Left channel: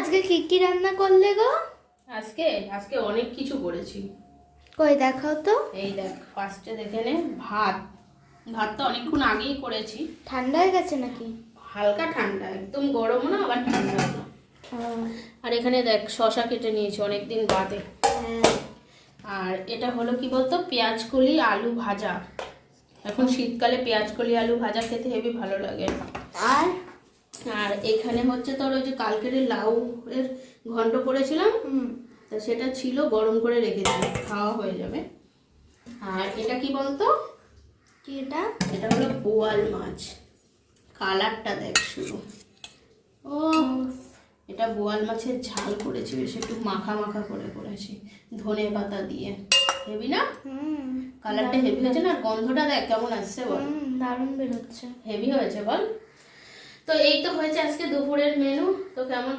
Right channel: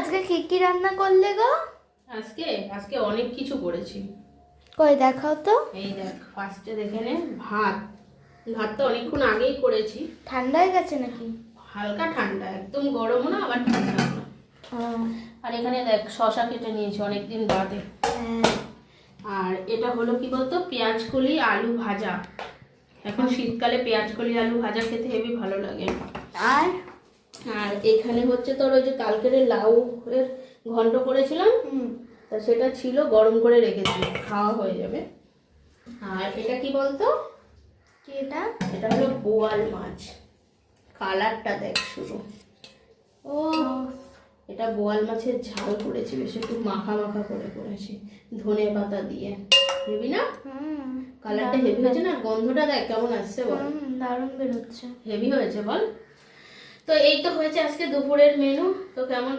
আজকে কি কি রান্না করলে গো? আজকে আজকে অনেক কিছু করেছি। কই দেখাও তো। এই দেখ, ফার্স্টে দেখে নে, ভাতটা অনেকক্ষণ আগেই করেছি। ঠান্ডা হয়ে গেছে নাকি? হালকা ঠান্ডা, একদম গরমও না আবার ঠান্ডা না। আর এখানে দেখ শসা কেটে নিয়েছি অনেকদিন বাদে। আর এটা হলো কি বলতো, পেঁয়াজ কলি আলু ভাজা। এখন শীতকালে পেঁয়াজ কলি আলু ভাজা খেতে হেবি ভালো লাগে। আর আর এখানে হচ্ছে তোর ওই যে কালকের লাউ এর ঘন্ট করেছিলাম, তা সেটা ছিল, গরম করে রেখেছি, খাওয়া হয়ে যাবে। আর এটা কি বলতো, কি এটা? এটা হলো বোয়াল মাছ, কালারটা দেখ শুধু। ও এটা বোয়াল মাছের ঝাল করেছি, বেশ একটু মাখা মাখা করে করেছি ধনে পাতা দিয়ে। হেভি না? কালারটা হেভি হয়েছে না? গন্ধটা দেখ কেমন আসছে বল। দারুণ বেরোচ্ছে। হেভি হয়েছে বল। তো এই তো হয়েছে আজকে দুপুরের মেনু। তো কেমন